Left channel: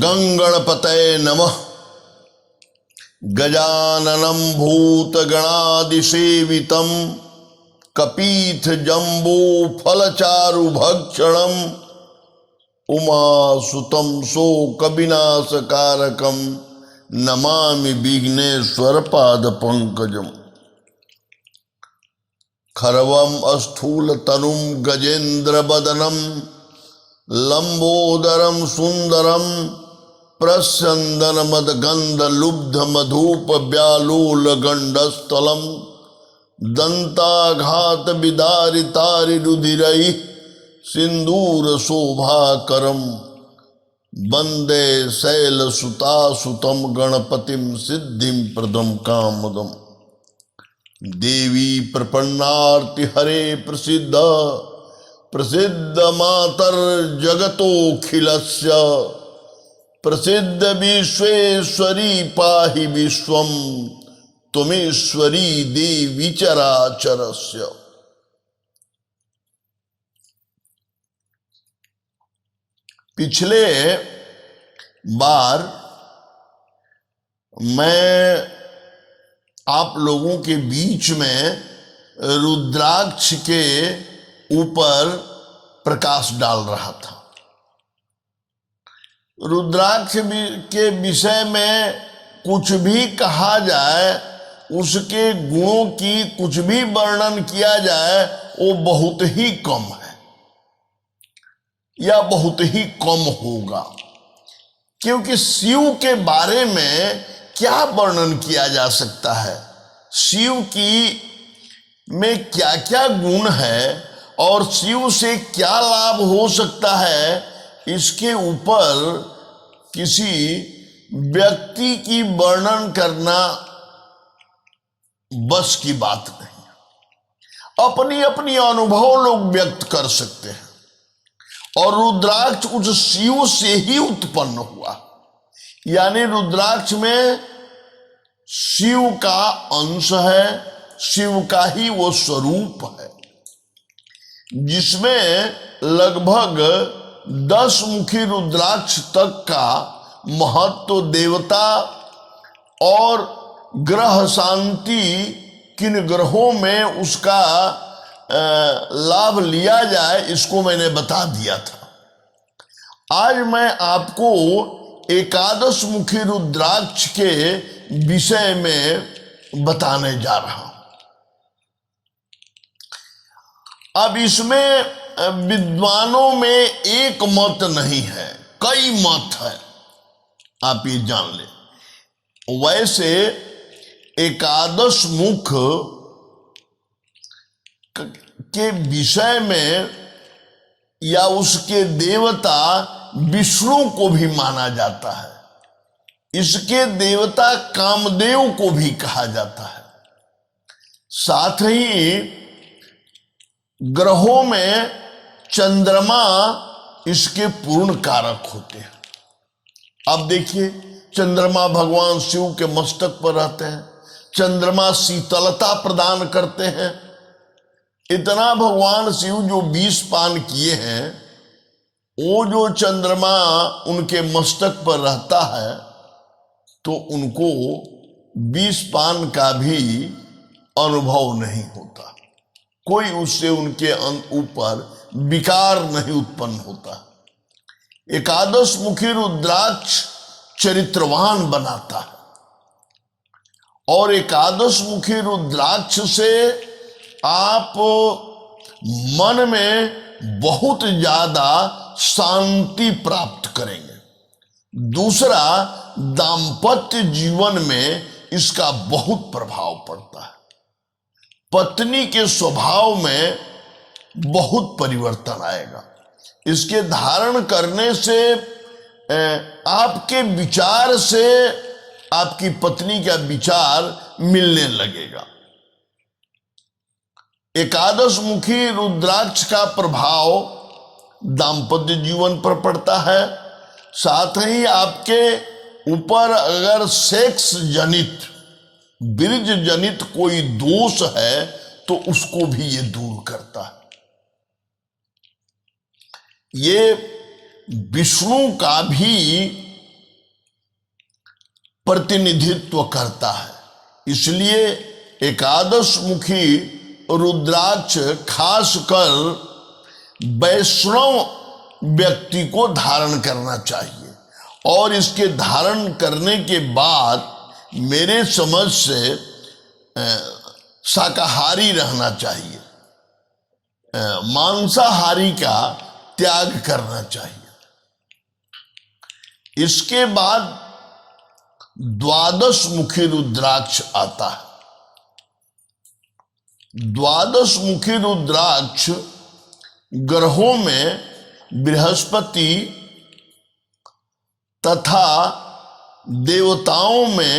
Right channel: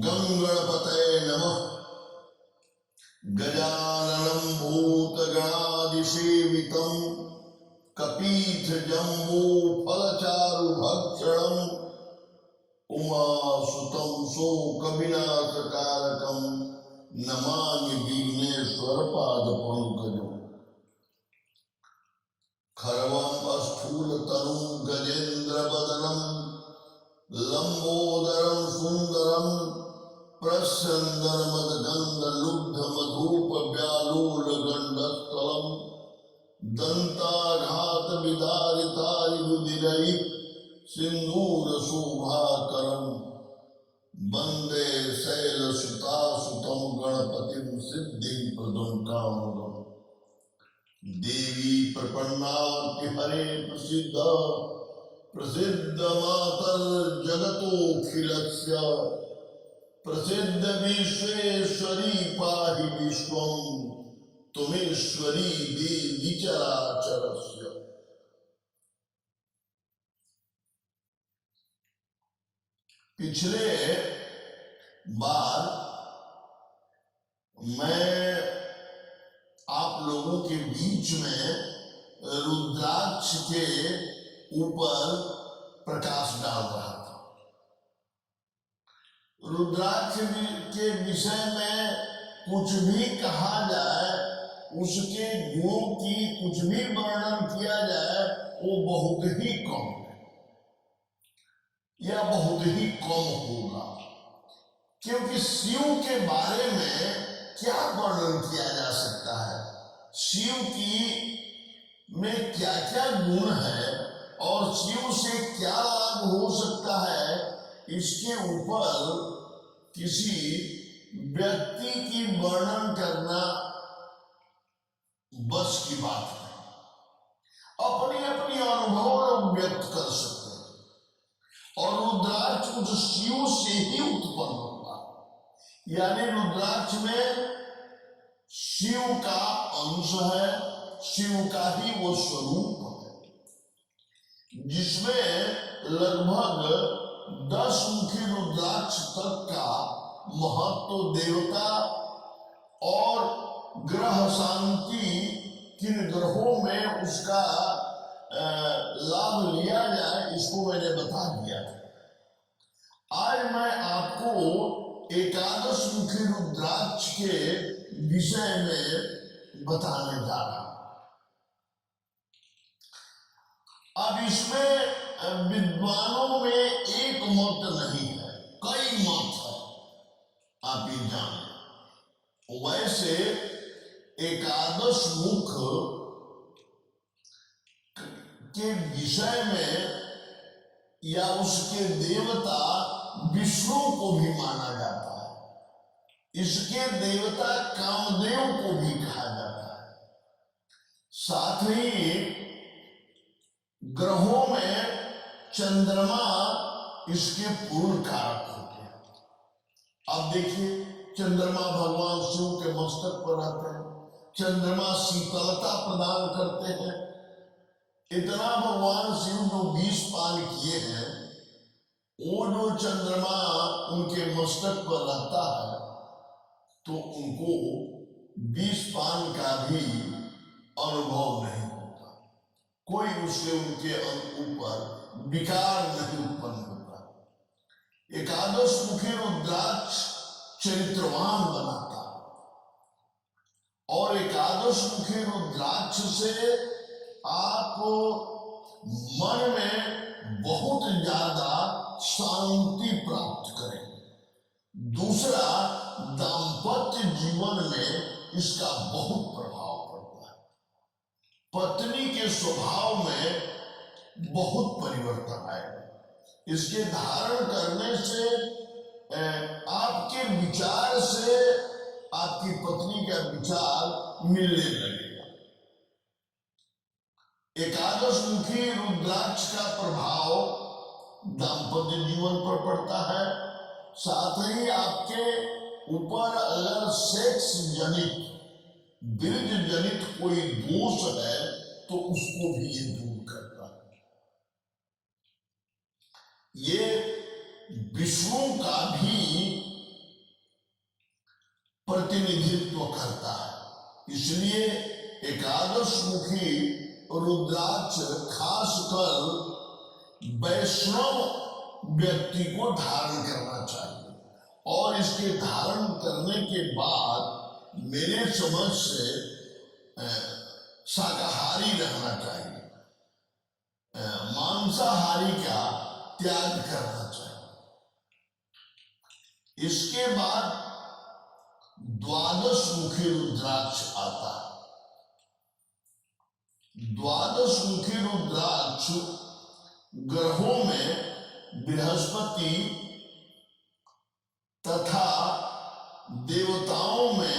गंगणपतये नमः। गजाननं भूतगणादिसेवितं कपीथ जम्बो फलचारुभक्षणं उमासुतं शोकविनाशकारकं नमामि विघ्नेश्वर पादपङ्कजम्। खरवं स्थूलतनुं गजेन्द्रवदनं लंबोदरम सुंदरम प्रस्यन्दनमदगन्धलुब्धमधुपव्यालोलगण्डस्थलं दन्ताघात विदारितारिरुधिरैः सिन्दूरशोभाकरं वन्दे शैलसुतासुतं गणपतिं सिद्धिं प्रदं कामदम्। देवी प्रपन्नार्ति हरे प्रसिद्ध प्रसिद्ध मातर जगतोखिलस्य प्रसिद्ध विश्वेश्वरी पाहि विश्वं त्वमेश्वरी देवी चराचरस्य। पिछले बार मैं आप लोगों के बीच में रुद्राक्ष के ऊपर प्रकाश डाल रहा था। रुद्राक्ष के विषय में कुछ भी कहा जाए, उसके गुणों की कुछ भी वर्णन किया जाए, वो बहुत ही कम है या बहुत ही कम होगा, क्योंकि शिव के बारे में क्या वर्णन किया जा सकता है, शिव की में क्या क्या गुण है और शिव से क्या लाभ हो सकता है, इसके ऊपर किसी व्यक्ति की वर्णन करना बस की बात नहीं। अपनी अपनी अनुभव लोग व्यक्त कर सकते हैं और रुद्राक्ष उस शिव से ही उत्पन्न हुआ, यानी रुद्राक्ष में शिव का अंश है, शिव का ही वो स्वरूप है, जिसमें लगभग 10 मुखी रुद्राक्ष तक का महत्व, देवता और ग्रह शांति, किन ग्रहों में उसका लाभ लिया जाए, इसको मैंने बता दिया था। आज मैं आपको एकादश मुखी रुद्राक्ष के विषय में बताने जा रहा हूं। अब इसमें विद्वानों में एक मत नहीं है, कई मत है, आप ये जान लें। वैसे एकादश मुख के विषय में या उसके देवता विष्णु को भी माना जाता है, इसके देवता कामदेव को भी कहा जाता है। साथ ही ग्रहों में चंद्रमा इसके पूर्ण कारक होते हैं। अब देखिए, चंद्रमा भगवान शिव के मस्तक पर रहते हैं, चंद्रमा शीतलता प्रदान करते हैं। इतना भगवान शिव जो 20 पान किए हैं, वो जो चंद्रमा उनके मस्तक पर रहता है तो उनको 20 पान का भी अनुभव नहीं होता, कोई उससे उनके ऊपर विकार नहीं उत्पन्न होता। एकादश मुखी रुद्राक्ष चरित्रवान बनाता है और एकादश मुखी रुद्राक्ष से आप मन में बहुत ज्यादा शांति प्राप्त करेंगे। दूसरा, दाम्पत्य जीवन में इसका बहुत प्रभाव पड़ता है, पत्नी के स्वभाव में बहुत परिवर्तन आएगा। इसके धारण करने से आपके विचार से आपकी पत्नी का विचार मिलने लगेगा। एकादश मुखी रुद्राक्ष का प्रभाव दाम्पत्य जीवन पर पड़ता है। साथ ही आपके ऊपर अगर सेक्स जनित, बीज जनित कोई दोष है तो उसको भी ये दूर करता है। ये विष्णु का भी प्रतिनिधित्व करता है। इसलिए एकादश मुखी रुद्राक्ष खासकर वैष्णव व्यक्ति को धारण करना चाहिए और इसके धारण करने के बाद मेरे समझ से शाकाहारी रहना चाहिए, मांसाहारी का त्याग करना चाहिए। इसके बाद द्वादश मुखी रुद्राक्ष आता है। द्वादश मुखी रुद्राक्ष ग्रहों में बृहस्पति तथा देवताओं में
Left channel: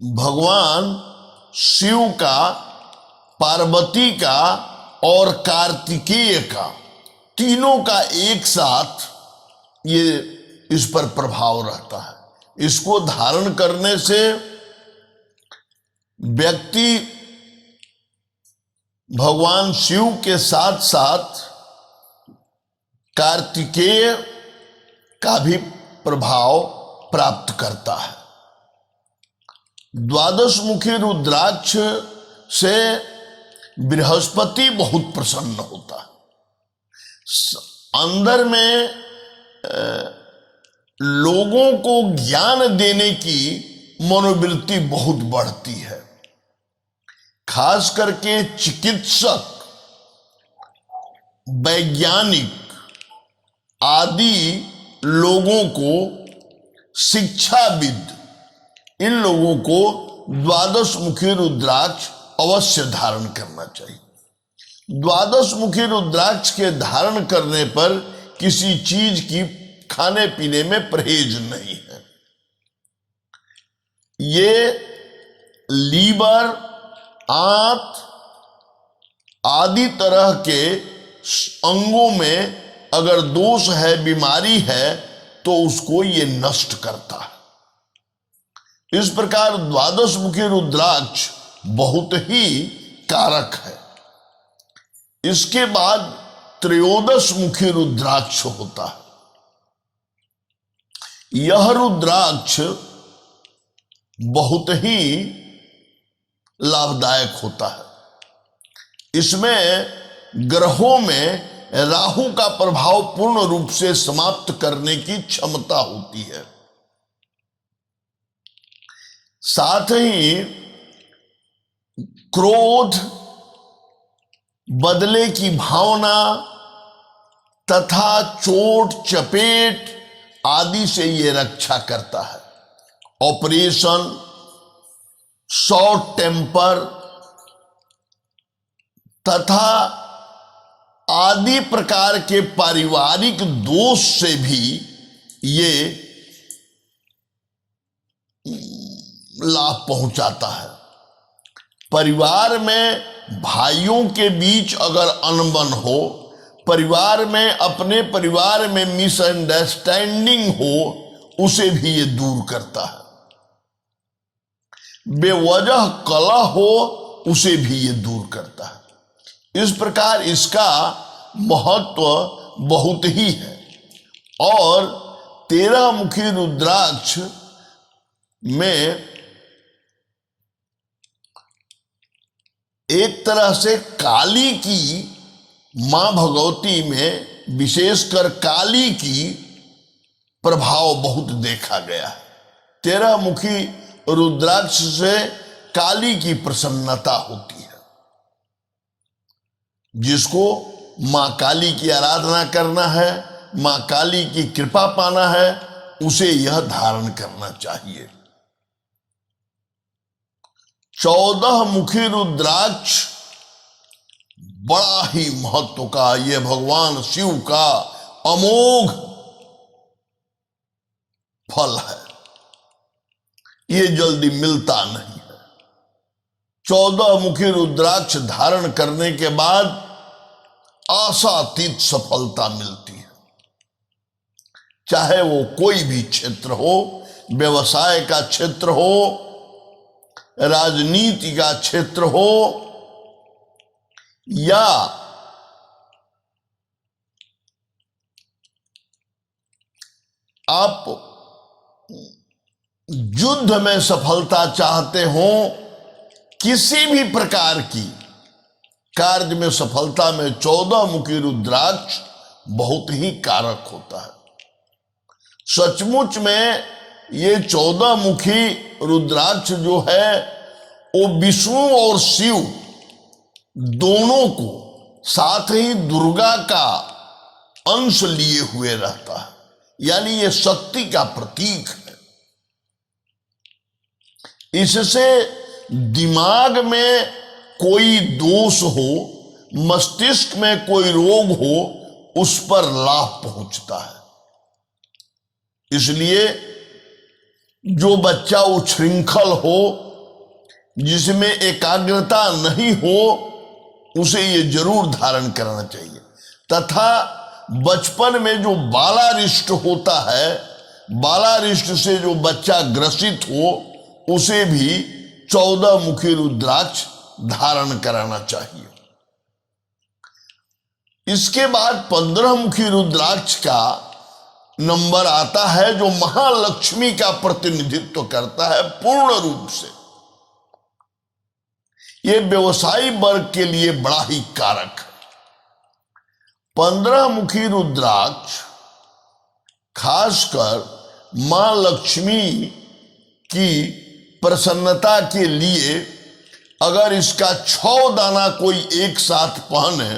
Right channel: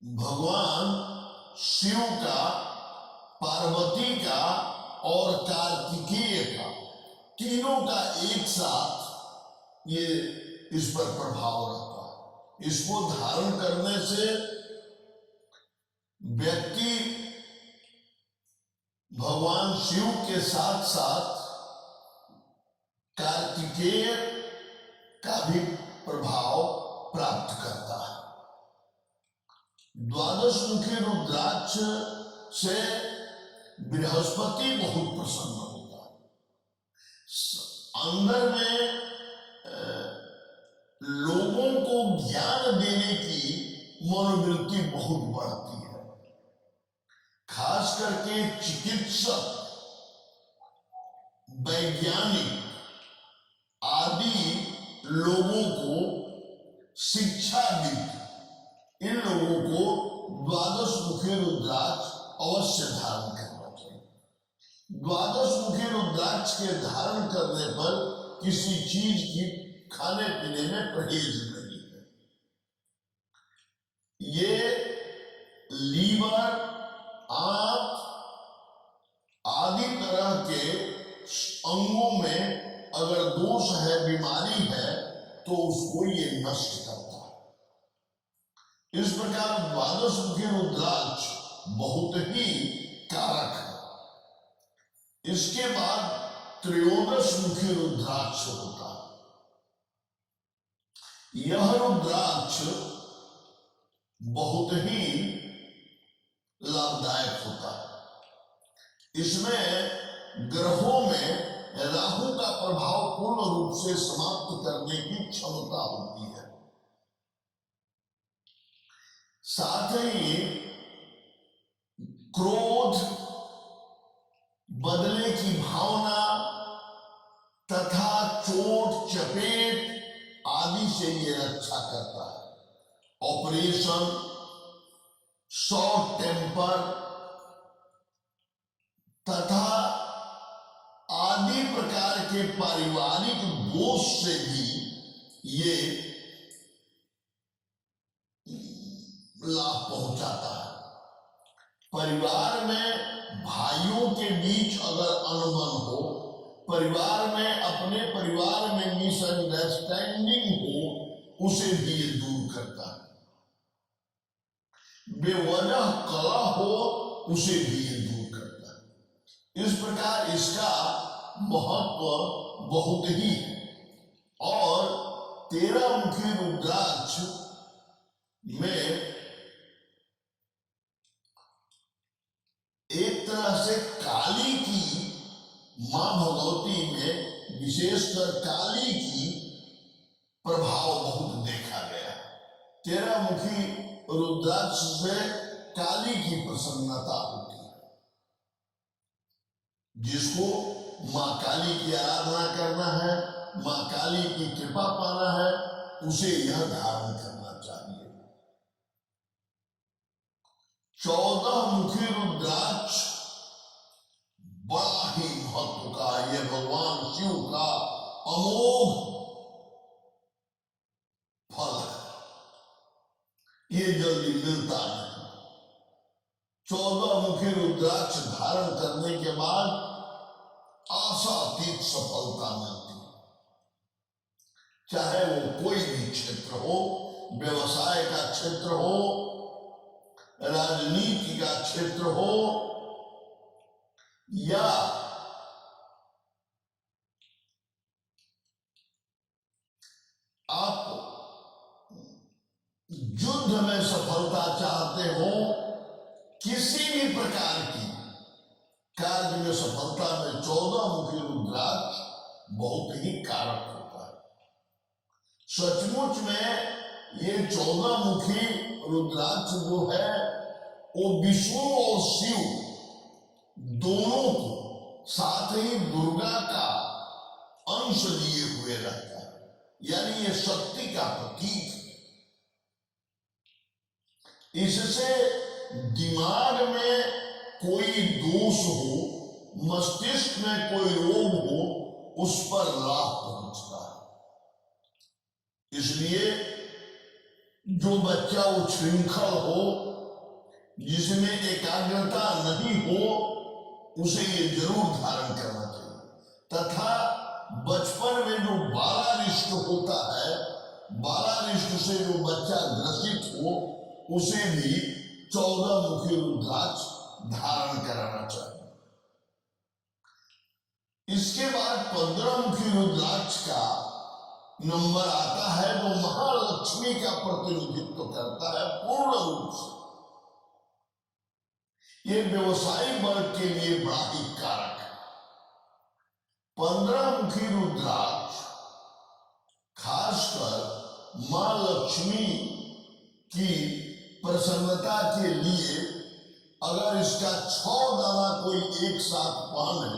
भगवान शिव का, पार्वती का और कार्तिकेय का, तीनों का एक साथ ये इस पर प्रभाव रहता है। इसको धारण करने से व्यक्ति भगवान शिव के साथ साथ कार्तिकेय का भी प्रभाव प्राप्त करता है। द्वादश मुखी रुद्राक्ष से बृहस्पति बहुत प्रसन्न होता है। अंदर में लोगों को ज्ञान देने की मनोवृत्ति बहुत बढ़ती है। खास करके चिकित्सक, वैज्ञानिक आदि लोगों को, शिक्षाविद, इन लोगों को द्वादश मुखी रुद्राक्ष अवश्य धारण करना चाहिए। द्वादश मुखी रुद्राक्ष के धारण करने पर किसी चीज की खाने पीने में परहेज नहीं है। ये लीवर, आंत आदि तरह के अंगों में अगर दोष है, बीमारी है, तो उसको ये नष्ट करता है। इस प्रकार द्वादश मुखी रुद्राक्ष बहुत ही कारक है। इसके बाद त्रयोदश मुखी रुद्राक्ष होता है। यह रुद्राक्ष बहुत ही लाभदायक होता है। इसमें ग्रहों में राहु का प्रभाव पूर्ण रूप से समाप्त करने की क्षमता होती है। साथ ही क्रोध, बदले की भावना तथा चोट चपेट आदि से यह रक्षा करता है। ऑपरेशन, शॉर्ट टेम्पर तथा आदि प्रकार के पारिवारिक दोष से भी ये लाभ पहुंचाता है। परिवार में भाइयों के बीच अगर अनबन हो, परिवार में, अपने परिवार में मिसअंडरस्टैंडिंग हो, उसे भी ये दूर करता है। बेवजह कलह हो, उसे भी ये दूर करता है। इस प्रकार इसका महत्व बहुत ही है। और 13 मुखी रुद्राक्ष में एक तरह से काली की, मां भगवती में विशेषकर काली की प्रभाव बहुत देखा गया है। 13 मुखी रुद्राक्ष से काली की प्रसन्नता होती है। जिसको मां काली की आराधना करना है, मां काली की कृपा पाना है, उसे यह धारण करना चाहिए। 14 मुखी रुद्राक्ष बड़ा ही महत्व का, यह भगवान शिव का अमोघ फल है। ये जल्दी मिलता नहीं है। 14 मुखी रुद्राक्ष धारण करने के बाद आशातीत सफलता मिलती है। चाहे वो कोई भी क्षेत्र हो, व्यवसाय का क्षेत्र हो, राजनीति का क्षेत्र हो, या आप युद्ध में सफलता चाहते हो, किसी भी प्रकार की कार्य में सफलता में 14 मुखी रुद्राक्ष बहुत ही कारक होता है। सचमुच में ये 14 मुखी रुद्राक्ष जो है वो विष्णु और शिव दोनों को, साथ ही दुर्गा का अंश लिए हुए रहता है, यानी ये शक्ति का प्रतीक है। इससे दिमाग में कोई दोष हो, मस्तिष्क में कोई रोग हो, उस पर लाभ पहुंचता है। इसलिए जो बच्चा उच्छृंखल हो, जिसमें एकाग्रता नहीं हो, उसे ये जरूर धारण करना चाहिए। तथा बचपन में जो बालारिष्ट होता है, बालारिष्ट से जो बच्चा ग्रसित हो, उसे भी 14 मुखी रुद्राक्ष धारण कराना चाहिए। इसके बाद 15 मुखी रुद्राक्ष का नंबर आता है, जो महालक्ष्मी का प्रतिनिधित्व करता है पूर्ण रूप से। यह व्यवसायी वर्ग के लिए बड़ा ही कारक है। 15 मुखी रुद्राक्ष खासकर मां लक्ष्मी की प्रसन्नता के लिए, अगर इसका 6 दाना कोई एक साथ पहने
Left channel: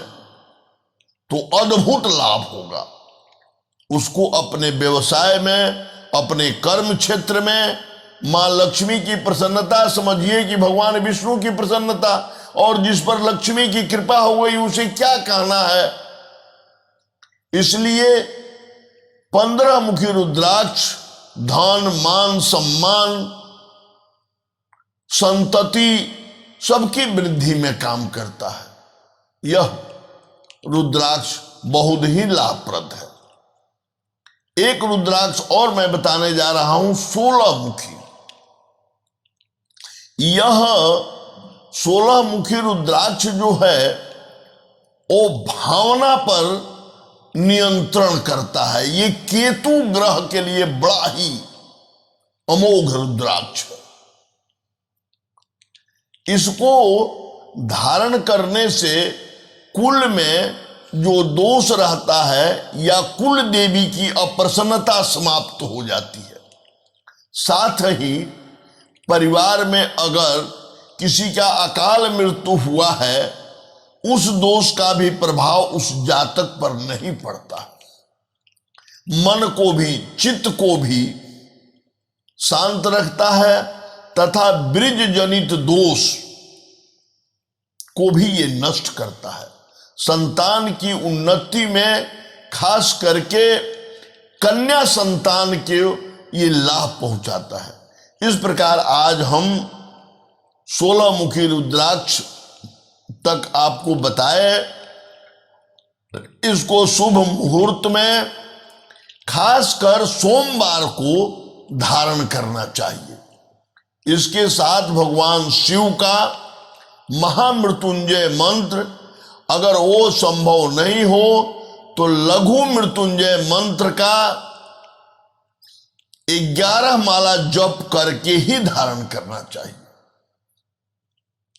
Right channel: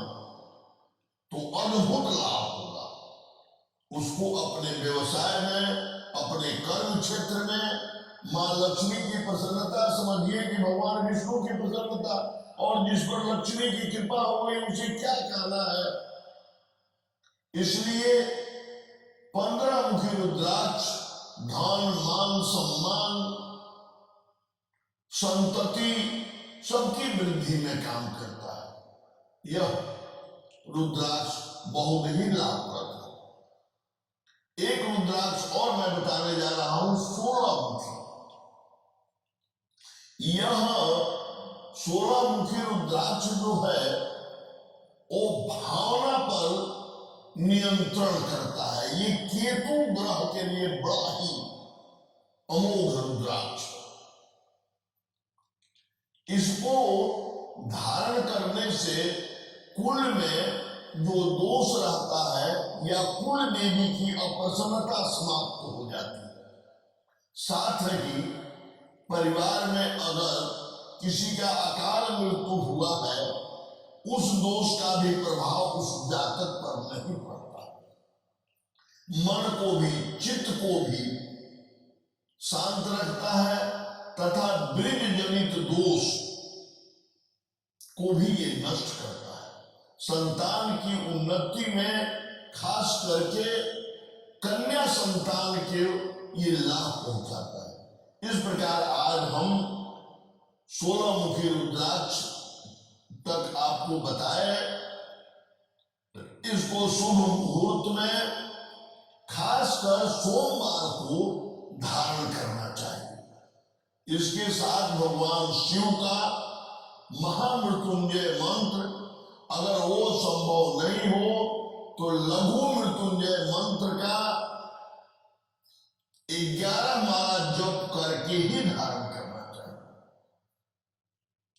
तो अद्भुत लाभ होगा। उसको अपने व्यवसाय में, अपने कर्म क्षेत्र में मां लक्ष्मी की प्रसन्नता समझिए कि भगवान विष्णु की प्रसन्नता, और जिस पर लक्ष्मी की कृपा हो गई उसे क्या कहना है। इसलिए 15 मुखी रुद्राक्ष धन, मान, सम्मान, संतति सबकी वृद्धि में काम करता है। यह रुद्राक्ष बहुत ही लाभप्रद है। एक रुद्राक्ष और मैं बताने जा रहा हूं, 16 मुखी। यह 16 मुखी रुद्राक्ष जो है वो भावना पर नियंत्रण करता है। ये केतु ग्रह के लिए बड़ा ही अमोघ रुद्राक्ष है। इसको धारण करने से कुल में जो दोष रहता है या कुल देवी की अप्रसन्नता समाप्त हो जाती है। साथ ही परिवार में अगर किसी का अकाल मृत्यु हुआ है, उस दोष का भी प्रभाव उस जातक पर नहीं पड़ता। मन को भी, चित्त को भी शांत रखता है, तथा ब्रिज जनित दोष को भी ये नष्ट करता है। संतान की उन्नति में खास करके कन्या संतान के ये लाभ पहुंचाता है। इस प्रकार आज हम 16 मुखी रुद्राक्ष तक आपको बताए। इसको शुभ मुहूर्त में खासकर सोमवार को धारण करना चाहिए। इसके साथ भगवान शिव का महामृत्युंजय मंत्र, अगर वो संभव नहीं हो तो लघु मृत्युंजय मंत्र का 11 माला जप करके ही धारण करना चाहिए।